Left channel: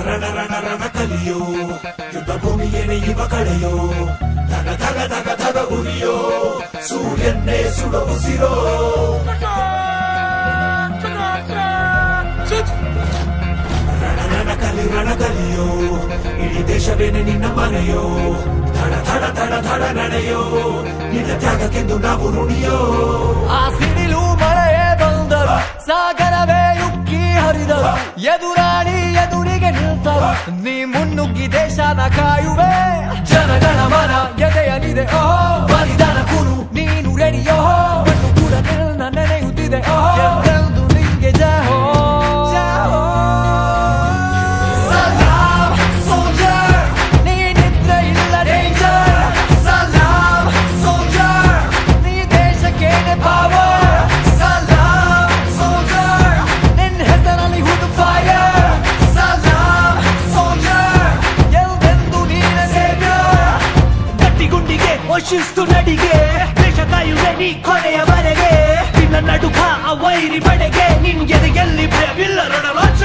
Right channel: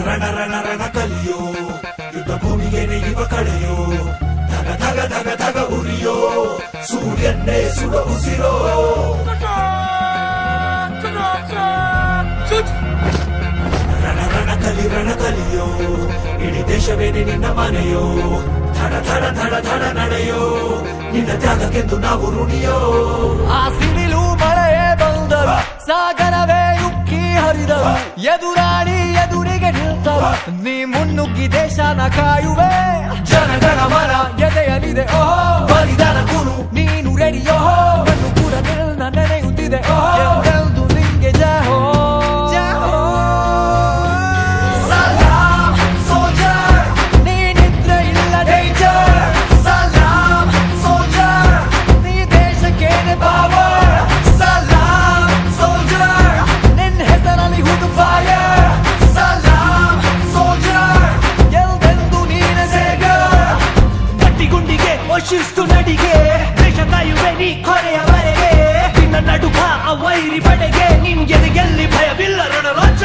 ರಣ ರಣ ರಣ ಕಲಿಯೋ ಯುದ್ಧ ಭೂಮಿಗೆ ನೆಯ್ಯುವ ಕಡೆಯೋ ಧಗ ಧಗ ಧಗ ಧಗ ಉರಿಯೋ ಸೂರ್ಯನ್ನೇ ಸುಡ ಉಸಿರೋ ರಣ ಕಲಿಯೋ ಇಡೀ ದೇಶವೇನೆ ನಿನ್ನ ಮನೆಯೋ ಧಡ ಧಡ ಧಡ ಧಡ ನಡೆಯೋ ನಿನ್ನ ತ್ಯಾಗಕ್ಕೆಂದು ನಾವು ನುಡಿಯೋ ಆ ಸಿಡಿಲು ಮಳೆಯೇ ಬಂದರು ಸಾಗರವೇ ಉಕ್ಕಿ ಹರಿದರು ಎದುರಾಳಿ ಎದುರಿಗೆ ನಿಲ್ತರು ನೀ ಮುನ್ನುಗ್ಗಿ ದೇಶನ ಕಾಯುವೆ ಜನಗಣ ಮನ ಎದೆಯಲಿದೆ ಓಹೋ ಬಲಿದಾನ ಕುರು ನೀನು ರೆಡಿಯೋ ಮಣ್ಣು ಕೂಡ ನಿನ್ನ ನೆನೆಯುತ್ತಿದೆ ಓಹೋ ಎಂದೆಂದು ನಿಂಗೆ ಜಯ ಹೋ ಶಿಸ್ತು ನಡಿಗೆ ದೇಶ ಕಾಯುವೆ ನೀ ಕೊನೆಯವರೆಗೆ ನಿನ್ನ ನಡುಕ ಆ ವೈರಿ ಪಡೆಗೆ ನಿನ್ಗೆದೆ ಎಲ್ಲಿ ಭಯವಿಲ್ಲ ರಣರಾಜ